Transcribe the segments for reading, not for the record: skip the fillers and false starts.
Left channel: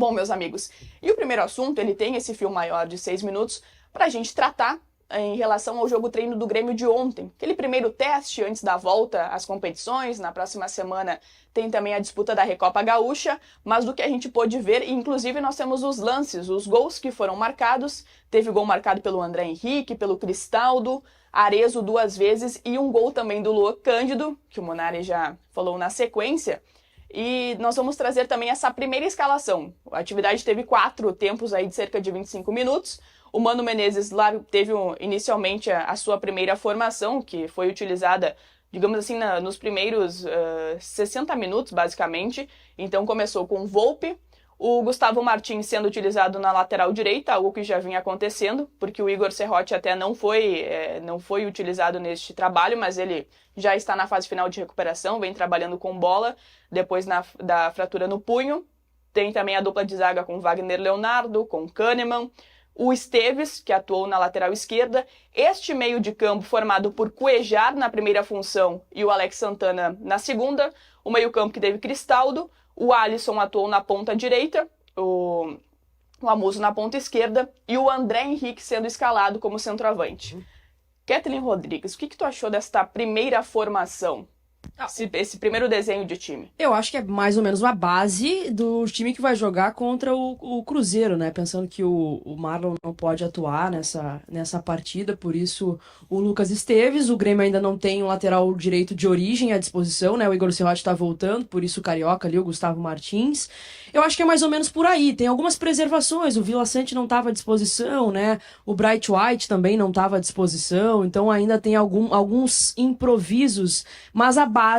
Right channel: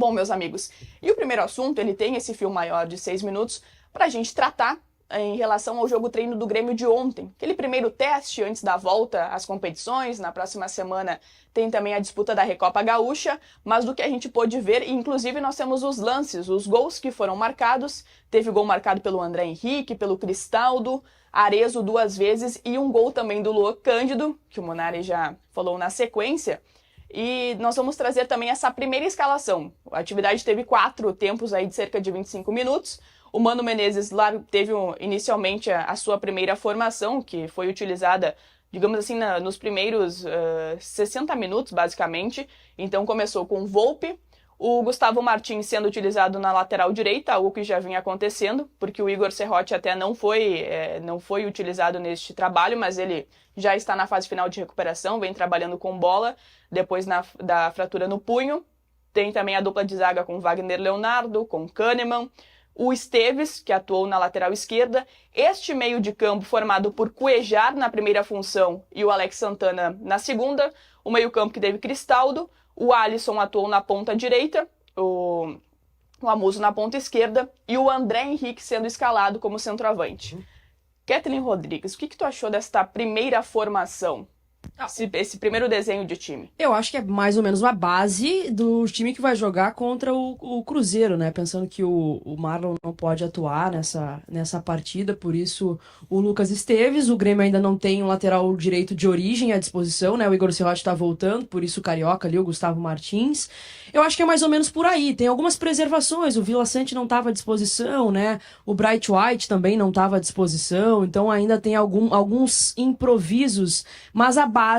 Bom, meus amigos, e o primeiro assunto, ele tem esse fio maior de 6 minutos para a gente tratar em relação ao jogo treino do Grêmio de ontem. Aquele primeiro teste antes da volta às competições, na próxima semana tem também a disputa da Recopa Gaúcha, mas do que a gente pôde ver, inclusive nós temos os lances, os gols que foram marcados. Teve gol marcado pelo André Henrique, pelo Cristaldo, Arezzo 2 vezes e um gol também do Luan Cândido, que o Munari já falou na sequência. E nós vamos trazer também essa primeira escalação. A atividade teve 4 tempos aí de cerca de 25 minutos. O Mano Menezes lá teve inicialmente a sua primeira formação, que foi utilizada, digamos assim, nos primeiros 60 minutos, basicamente. Então começou com o Volpi, o Gustavo Martins sendo utilizado na lateral direita, algo que já vinha acontecendo, porque o Igor Serrote até não foi utilizado neste trabalho, mas ele já está na fase final de recuperação, vem trabalhando com bola, depois da fratura no punho. Tem também a dupla de zaga com Wagner Leonardo, com Kahneman, o Esteves, que atuou na lateral esquerda, este meio de campo formado por Cuéllar na primeira função e o Alex Santana na segunda, o meio campo que teve Cristaldo, o Alisson atuou na ponta direita, o Amuso na ponta esquerda e o André Henrique sendo escalado como centroavante. Kathleen Rodrigues, o que tu achou desta primeira formação? Esse primeiro desenho de time. Eu acho que é mais ou menos uma base do time que vai jogar contra o Cruzeiro, né? Pensando que o Marlon não pode atuar nessa partida, por isso o Lucas Esteves, o Grêmio ainda não tem um lateral direito de origem à disposição, né? O Igor Serrote tá voltando, por isso o Carioca ali, o Gustavo Martins. Eu acho que é mais ou menos por aí. Tem algumas preservações, o Vila Sante não estava à disposição, né? O Bright White também não estava à disposição, então ainda tem alguns improvisos, mas a base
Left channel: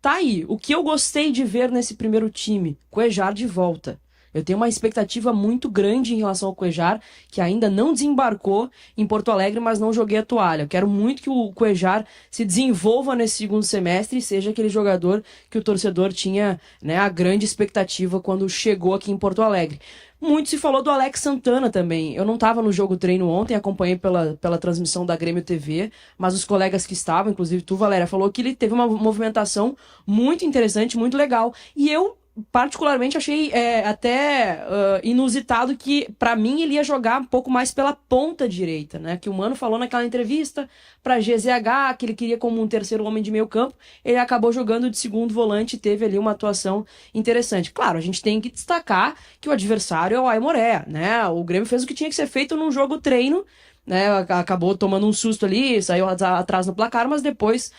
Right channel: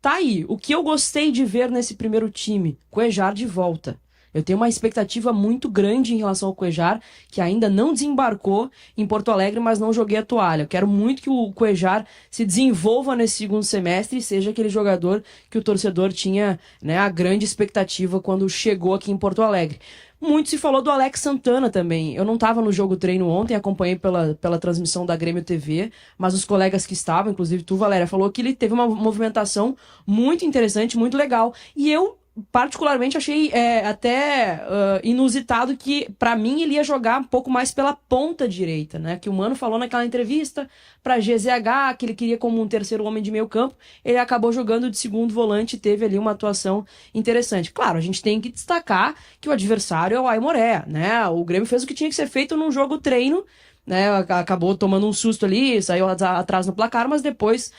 tá aí. O que eu gostei de ver nesse primeiro time, Cuéllar de volta. Eu tenho uma expectativa muito grande em relação ao Cuéllar, que ainda não desembarcou em Porto Alegre, mas não joguei a toalha. Eu quero muito que o Cuéllar se desenvolva nesse segundo semestre e seja aquele jogador que o torcedor tinha, né, a grande expectativa quando chegou aqui em Porto Alegre. Muito se falou do Alex Santana também. Eu não estava no jogo treino ontem, acompanhei pela transmissão da Grêmio TV, mas os colegas que estavam, inclusive tu, Valéria, falou que ele teve uma movimentação muito interessante, muito legal. E eu, particularmente, achei até inusitado que, para mim, ele ia jogar um pouco mais pela ponta direita, né? Que o Mano falou naquela entrevista para GZH, que ele queria como um terceiro homem de meio campo. Ele acabou jogando de segundo volante e teve ali uma atuação interessante. Claro, a gente tem que destacar que o adversário é o Aimoré, né? O Grêmio fez o que tinha que ser feito num jogo treino, né, acabou tomando um susto ali, saiu atrás no placar, mas depois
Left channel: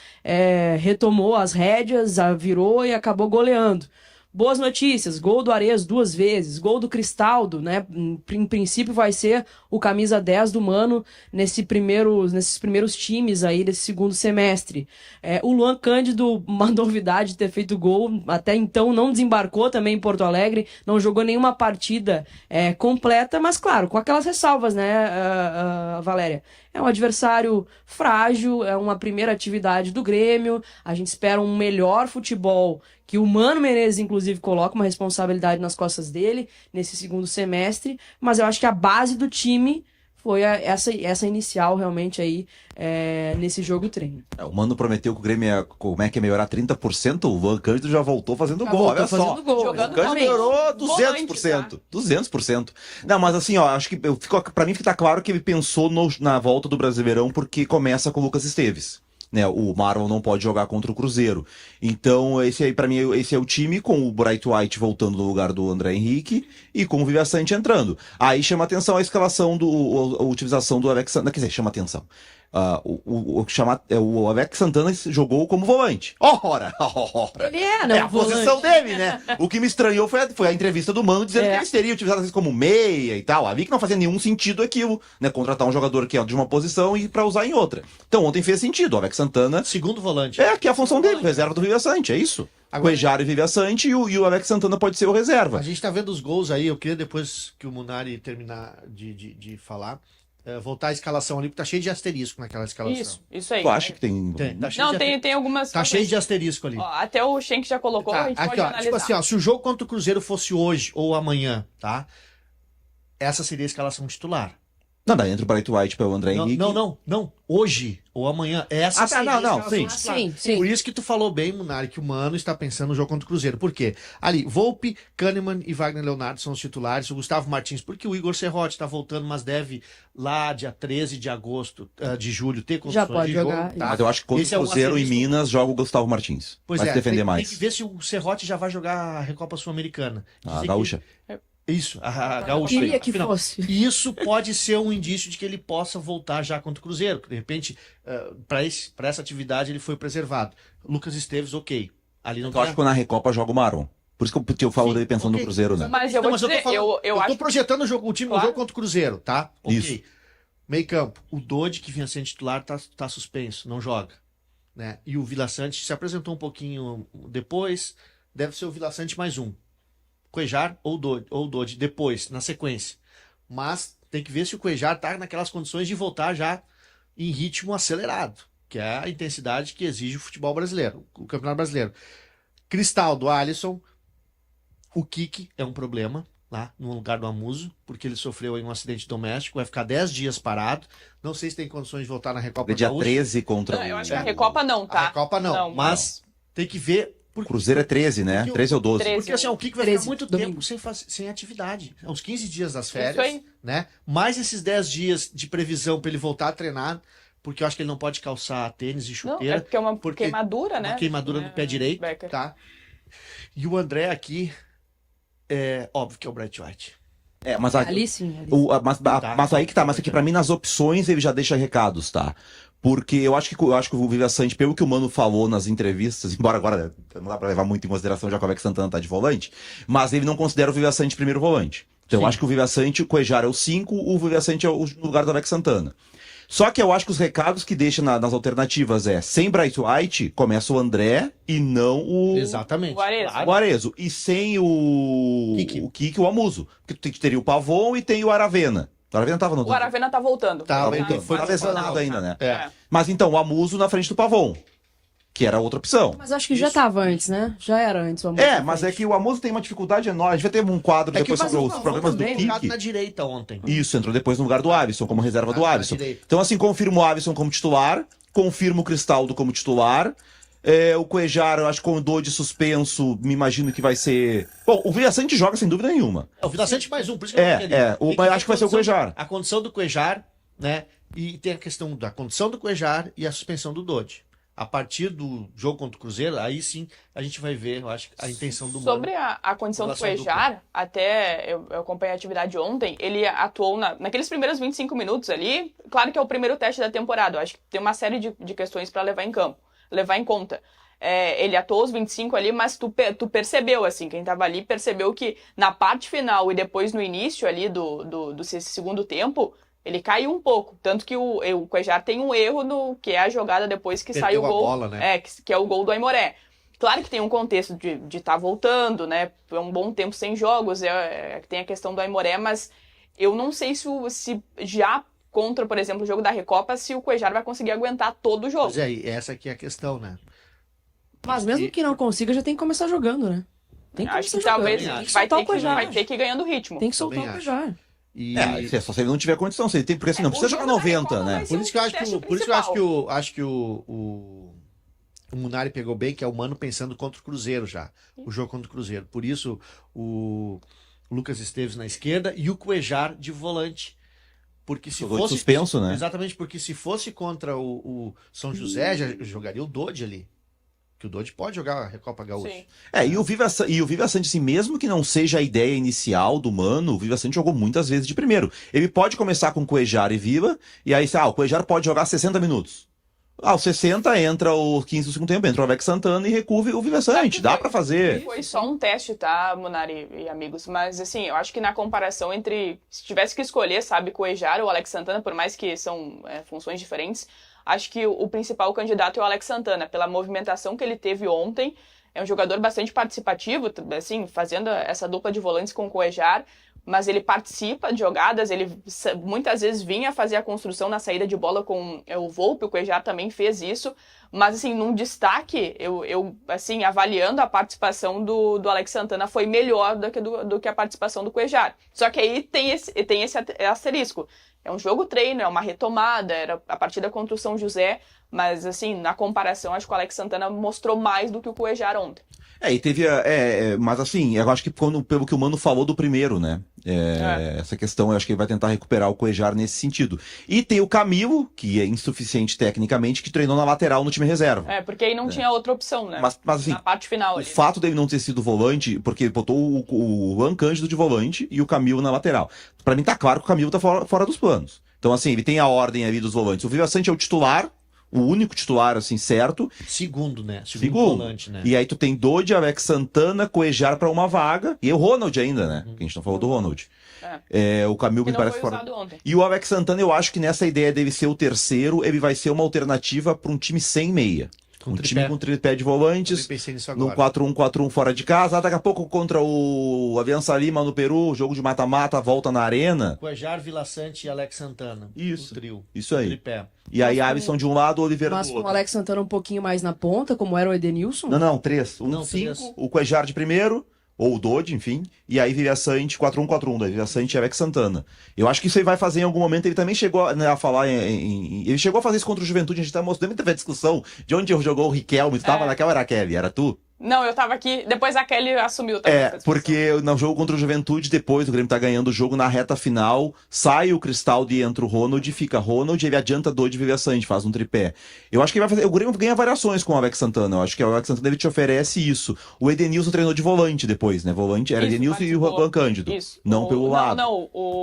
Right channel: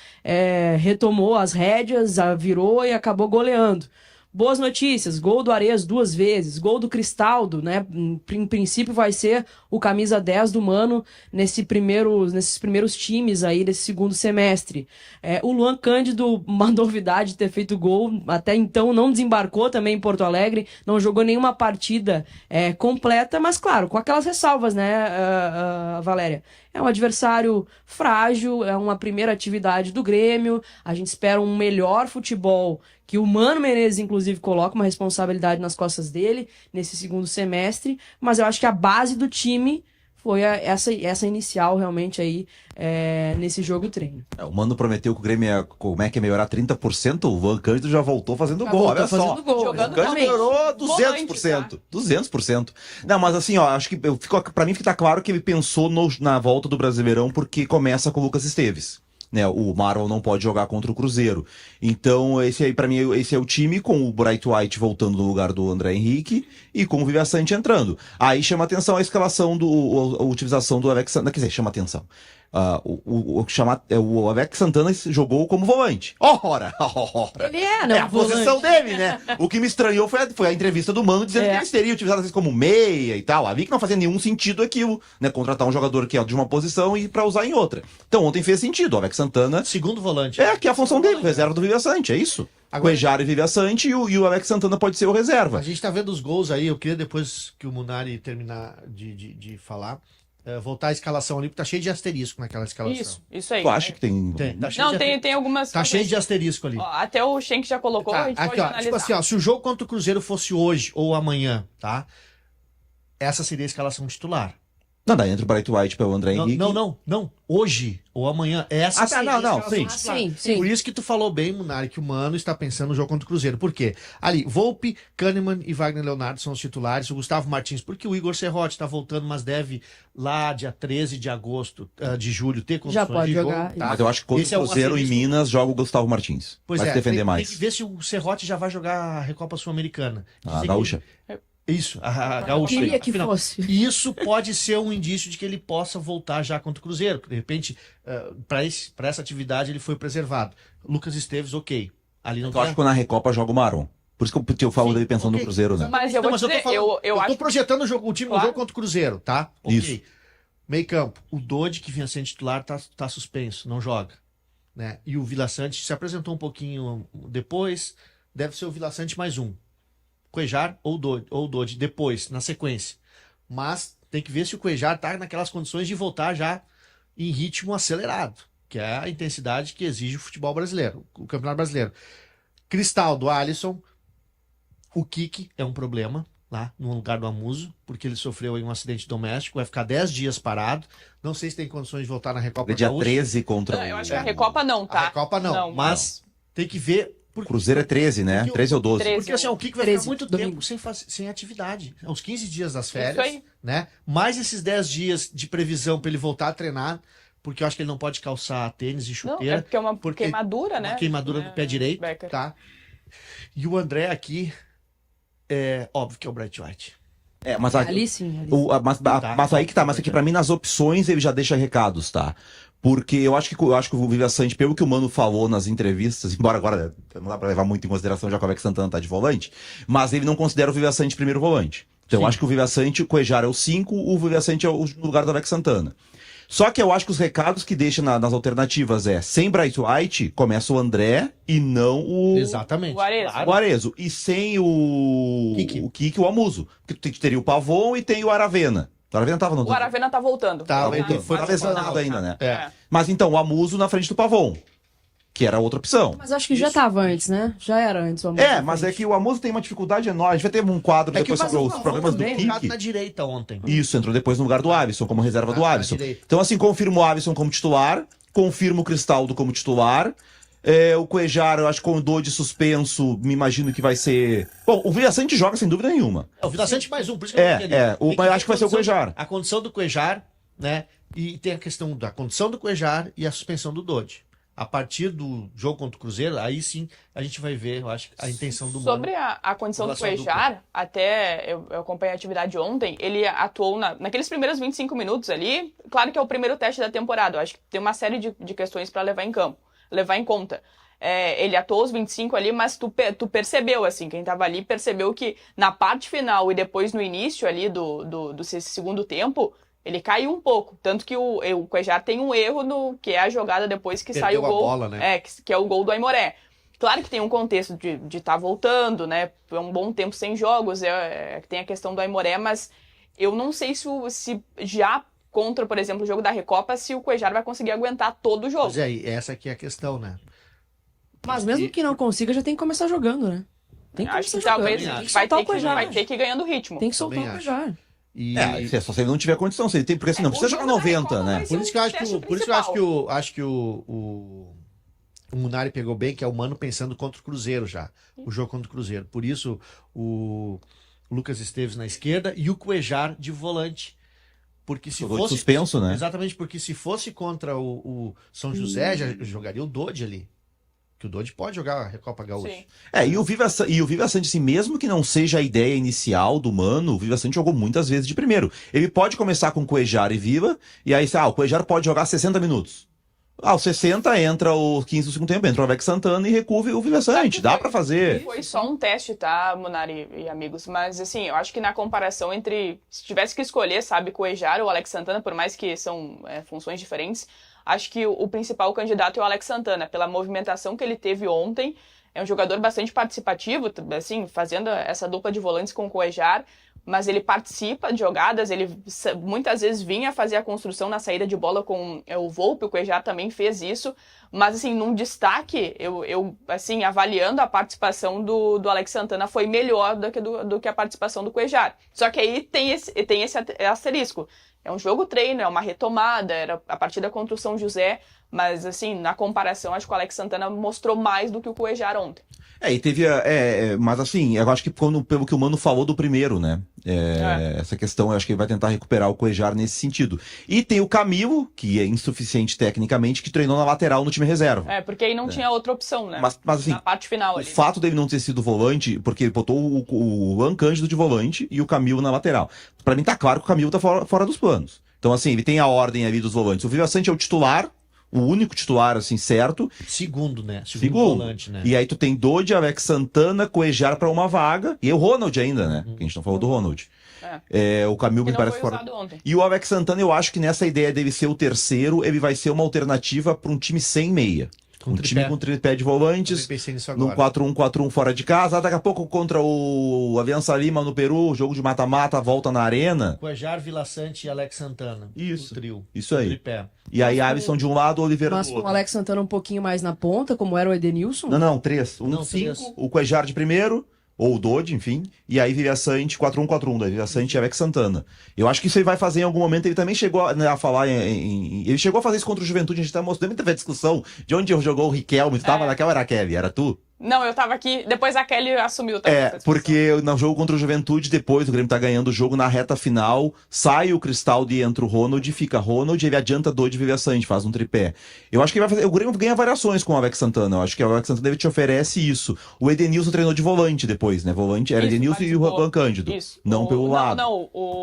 retomou as rédeas, virou e acabou goleando. Boas notícias, gol do Arezzo 2 vezes, gol do Cristaldo, né? Em princípio vai ser o camisa 10 do Mano nesses primeiros times aí desse segundo semestre. O Luan Cândido, uma novidade ter feito gol, até então não desembarcou também em Porto Alegre, não jogou nenhuma partida completa, mas claro, com aquelas ressalvas, né, Valéria? É um adversário frágil, é uma primeira atividade do Grêmio, a gente espera um melhor futebol, que o Mano Menezes, inclusive, coloca uma responsabilidade nas costas dele nesse segundo semestre, mas eu acho que a base do time foi essa inicial realmente aí nesse jogo treino. O Mano prometeu que o Grêmio ia melhorar 30%, o Luan Cândido já voltou fazendo gol, olha só. Gol. O Cândido melhorou 200%. 200%. Não, mas assim, ó, acho que pra mim fica claro que ele pensou na volta do Brasileirão porque começa com o Lucas Esteves. Né, o Marlon não pode jogar contra o Cruzeiro. Então, esse aí, pra mim, esse é o time com o Bright White voltando no lugar do André Henrique e com o Vila Sante entrando. Aí chama atenção a escalação a utilização do Alex Santana. Quer dizer, chama atenção. O Alex Santana jogou como volante. Ora! Ele né? É a posição dele, né? O que me estranhou foi a entrevista do Mano dizendo que eles teriam utilizado às vezes como meia e tal. Ali que não fazia nenhum sentido aquilo, né? Contratar um jogador que é de uma posição e pra usar em outra. Então ontem fez sentido. O Alex Santana. Segundo volante. Que é a função dele, reserva do Vila Sante, é isso. Agora, o Cuéllar e Vila Sante e o Alex Santana pode ser o reserva. A gente tá vendo os gols aí, eu queria depois que o Munari terminar de falar. Voltar a escalação ali, porque tá cheio de asterisco naquela escalação. Isso aí. Tu acha que tem... Tem algumas... Tá cheio de asterisco ali. Ó, até o Schenck já colocou, a gente aqui, pode analisar. Tipo assim, se o jogo contra o Cruzeiro fosse hoje ou amanhã, tá? Essa seria a escalação titular. Não, daí entra o Bright White para o André Henrique. Não. Hoje ou amanhã. Essa tá, não, sim. Sim. Por isso que tu falou bem, Munari, que o Mano está pensando no jogo contra o Cruzeiro. Por quê? Ali, Volpe, Kahneman e Wagner Leonardo são os titulares. O Gustavo Martins, porque o Igor Serrote está voltando, mas deve lá dia 13 de agosto, de julho, ter condições Já pode de jogo. jogar. Tá? Mas eu acho que contra Esse o é um Cruzeiro em asterisco. Minas joga o Gustavo Martins. Pois vai se defender mais. Tem que ver se o Serrote já vai jogar a Recopa Sul-Americana. A Dizem Gaúcha. Isso, a Gaúcha. Queria que Afinal, fosse. isso pode ser um indício de que ele possa voltar já contra o Cruzeiro. De repente, para essa atividade, ele foi preservado. Lucas Esteves, ok. Ali não Eu acho que na Recopa joga o Maron. Por isso que eu falo Sim, dele pensando ok. no Cruzeiro, né? Mas eu vou dizer, eu tô acho projetando o time no Claro. jogo contra o Cruzeiro, tá? Ok. Isso. Meio campo. O Dodi, que vinha sendo titular, tá suspenso, não joga. Né? E o Vila Sante se apresentou um pouquinho depois. Deve ser o Vila Sante mais um. Cuejar ou o Dodi depois, na sequência. Mas tem que ver se o Cuejar tá naquelas condições de voltar já em ritmo acelerado, que é a intensidade que exige o futebol brasileiro, o Campeonato Brasileiro. Cristaldo, Alisson, o Kiki é um problema lá no lugar do Amuso, porque ele sofreu aí um acidente doméstico, vai ficar 10 dias parado. Não sei se tem condições de voltar na Recopa É dia Gaúcha. 13 contra Não, eu acho que o... a Recopa não, tá? A Recopa não, mas tem que ver. O Cruzeiro é 13, né? Porque o- 13 ou 12. 13. Porque assim, o Kiko vai 13, ficar muito domingo. tempo sem atividade. Uns 15 dias das Isso férias, aí. né? Mais esses 10 dias de previsão para ele voltar a treinar, porque eu acho que ele não pode calçar tênis e Não, chuteira. é porque é uma porque queimadura, né? Uma queimadura do pé direito, Becker. tá? E o André aqui, é óbvio que é o Bright White. É, mas Ali sim. Ali sim. mas aí que tá, mas aqui pra mim nas opções ele já deixa recados, tá? Porque eu acho que o Viva Sante, pelo que o Mano falou nas entrevistas, embora agora não dá pra levar muito em consideração já que o Alex Santana tá de volante, mas ele não considera o Viva Sante primeiro volante. Então eu Sim. acho que o Viva Sante, o Cuejar é o 5, o Viva Sante é o no lugar do Alex Santana. Só que eu acho que os recados que deixa nas alternativas é sem Bright White, começa o André e não o Exatamente. O Arezo. Claro. o Arezo. E sem o Kiki. o Amuso. Porque tu teria o Pavon e tem o Aravena. O Aravena tava no... O Aravena tá voltando. Tava, Tava, ele foi tava lesionado ainda, né? É. Mas então, o Amuso na frente do Pavon, que era outra opção. Mas acho que já tava antes, né? Já era antes o amor. É, mas é que o Amuso tem uma dificuldade enorme. A gente vai ter um quadro depois sobre os problemas do Kiki. na direita ontem. Isso, entrou depois no lugar do Alisson, como reserva do Na Alisson. direita. Então, assim, confirmo o Alisson como titular, confirmo o Cristaldo como titular. O Cuejar, eu acho que com o Dodi suspenso, me imagino que vai ser... Bom, o Vila Sante joga sem dúvida nenhuma. É o Vila Sante mais um, por isso que eu coloquei ali. Tem mas ver acho que vai ser o a condição- Cuejar. A condição do Cuejar, né? E tem a questão da condição do Cuejar e a suspensão do Dodi. A partir do jogo contra o Cruzeiro, aí sim a gente vai ver, eu acho, a intenção do Mano. Sobre a condição do Relação à Cuejar, até eu acompanhei a atividade ontem, ele atuou naqueles primeiros 25 minutos ali. Claro que é o primeiro teste da temporada, eu acho que tem uma série de questões para levar em conta. Ele atuou os 25 ali, mas tu percebeu, assim, quem tava ali percebeu que na parte final e depois no início ali do segundo tempo, ele caiu um pouco. Tanto que o Cuejar tem um erro no que é a jogada depois que sai o Perdeu a gol. bola, né? Que é o gol do Aimoré. Claro que tem um contexto de estar voltando, né? Foi um bom tempo sem jogos, tem a questão do Aimoré, mas eu não sei se já contra, por exemplo, o jogo da Recopa, se o Cuejar vai conseguir aguentar todo o jogo. Mas aí, essa aqui é a questão, né? Mas mesmo que não consiga, já tem que começar jogando, né? Tem que Acho começar que talvez jogando. Tem que vai soltar ter o Cuejar. vai ter que ir ganhando ritmo. Tem que soltar Também o acho. Cuejar. E Só se ele não tiver condição. Se ele tem, porque assim, não O precisa jogo jogar da 90, Recopa né? vai ser por isso que eu acho teste que o Munari pegou bem, que é o Mano pensando contra o Cruzeiro já. O jogo contra o Cruzeiro. Por isso, o Lucas Esteves na esquerda e o Cuejar de volante. Porque se O Dodi fosse. suspenso, né? Exatamente, porque se fosse contra o São José, já jogaria o Dodi ali. Que o Dodi pode jogar a Recopa Gaúcha. Sim. E o Viva Sante, assim, mesmo que não seja a ideia inicial do Mano, o Viva Sante jogou muitas vezes de primeiro. Ele pode começar com Cuejar e Viva, e aí, o Cuejar pode jogar 60 minutos. Aos 60 entra o 15 do segundo tempo, entra o Alex Santana e recua o Viva Sante. Dá pra fazer. Foi só um teste, tá, Munari e amigos? Mas, assim, eu acho que na comparação entre... Se tivesse que escolher, sabe, Cuejar ou Alex Santana, por mais que são funções diferentes, acho que o principal candidato é o Alex Santana, pela movimentação que ele teve ontem. É um jogador bastante participativo, assim, fazendo essa dupla de volantes com o Cuejar. mas ele participa de jogadas, ele muitas vezes vinha fazer a construção na saída de bola com o Volpi, o Cuéllar também fez isso, mas assim, num destaque, eu assim, avaliando a participação do Alex Santana foi melhor do que a participação do Cuéllar. Só que aí tem esse asterisco. É um jogo treino, é uma retomada, era a partida contra o São José, mas assim, na comparação, acho que o Alex Santana mostrou mais do que o Cuéllar ontem. E teve. Mas assim, eu acho que pelo que o Mano falou do primeiro, né? Essa questão, eu acho que ele vai tentar recuperar o Cuéllar nesse sentido. E tem o Camilo, que é insuficiente tecnicamente, que treinou na lateral no time reserva. Porque aí não tinha outra opção, né? Mas assim, na parte final ali. O fato dele não ter sido volante, porque ele botou o Juan Cândido de volante e o Camilo na lateral. Pra mim tá claro que o Camilo tá fora dos planos. Então assim, ele tem a ordem ali dos volantes. O Villaçante é o titular. O único titular, assim, certo. Segundo, né? Segundo volante, né? E aí tu tem Dodge, Alex Santana, Cuéllar pra uma vaga. E o Ronald ainda, né? Que a gente não falou do Ronald. O Camilo me parece fora. E o Alex Santana, eu acho que nessa ideia dele ser o terceiro, ele vai ser uma alternativa pra um time sem meia. Time com tripé de volantes, no 4-1-4-1 fora de casa. Daqui a pouco contra o Aliança Lima no Peru, jogo de mata-mata, volta na arena. Cuéllar, Villaçante e Alex Santana. Isso. O trio. Isso aí. Tripé. E aí Alisson de um lado, Oliveira do outro. Mas com o Alex Santana um pouquinho mais na ponta, como era o Edenilson? Não, 3. 5, três. o Cuéllar de primeiro, ou o Dodge, enfim. E aí Villaçante, 4-1-4-1, daí Villaçante e Alex Santana. Eu acho que isso ele vai fazer em algum momento. Ele também chegou a falar ele chegou a fazer isso contra o Juventude. A gente tá mostrando muita discussão de onde jogou o Riquelme. Tu tava naquela, era a Kelly, era tu? Não, eu tava aqui, depois a Kelly assumiu também. Porque no jogo contra o Juventude, depois o Grêmio tá ganhando o jogo na reta final, sai o Cristaldo e entra o Ronald, fica Ronald, ele adianta Dodge e Villaçante, faz um tripé. Eu acho que ele vai fazer, o Grêmio ganha variações com o Alex Santana, eu acho que o Alex Santana te oferece isso. O Edenilson treinou de volante depois, né? Volante era Edenilson e o Juan Cândido. Isso. Não pelo lado.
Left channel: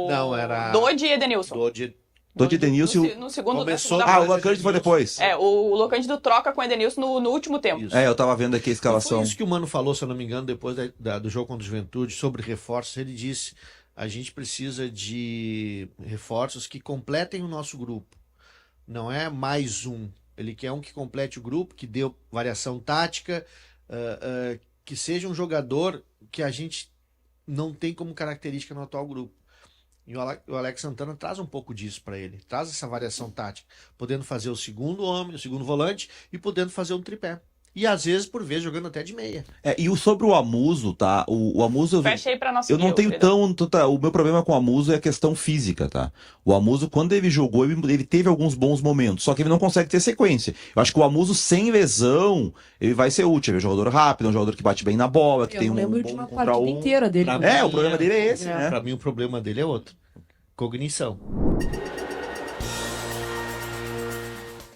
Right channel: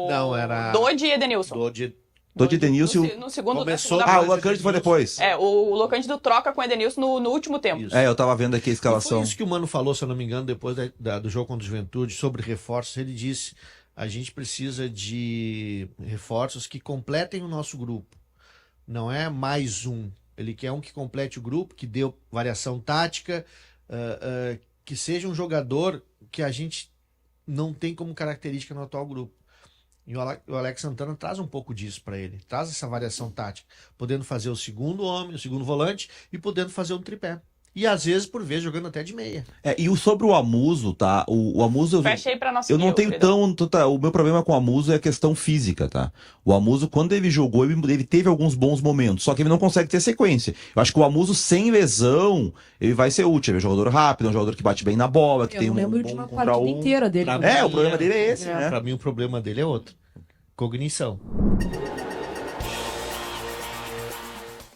Não, era Dodge e Edenilson. Dodge e Edenilson. No segundo, começou. O Juan Cândido foi depois. O Juan Cândido troca com o Edenilson no último tempo. Isso. Eu tava vendo aqui a escalação. Foi isso que o Mano falou, se eu não me engano, depois do jogo contra o Juventude, sobre reforços. Ele disse: a gente precisa de reforços que completem o nosso grupo. Não é mais um. Ele quer um que complete o grupo, que dê variação tática, que seja um jogador que a gente não tem como característica no atual grupo. E o Alex Santana traz um pouco disso para ele. Traz essa variação tática. Podendo fazer o segundo homem, o segundo volante e podendo fazer um tripé. E às vezes, por vezes, jogando até de meia. E sobre o Amuso, tá? O Amuso. Fecha aí pra nossa Eu não tenho o meu problema com o Amuso é a questão física, tá? O Amuso, quando ele jogou, ele teve alguns bons momentos, só que ele não consegue ter sequência. Eu acho que o Amuso, sem lesão, ele vai ser útil. Ele é um jogador rápido, é um jogador que bate bem na bola, que tem um lembro de uma partida inteira dele. O problema dele é esse, né? Pra mim, o problema dele é outro. Cognição.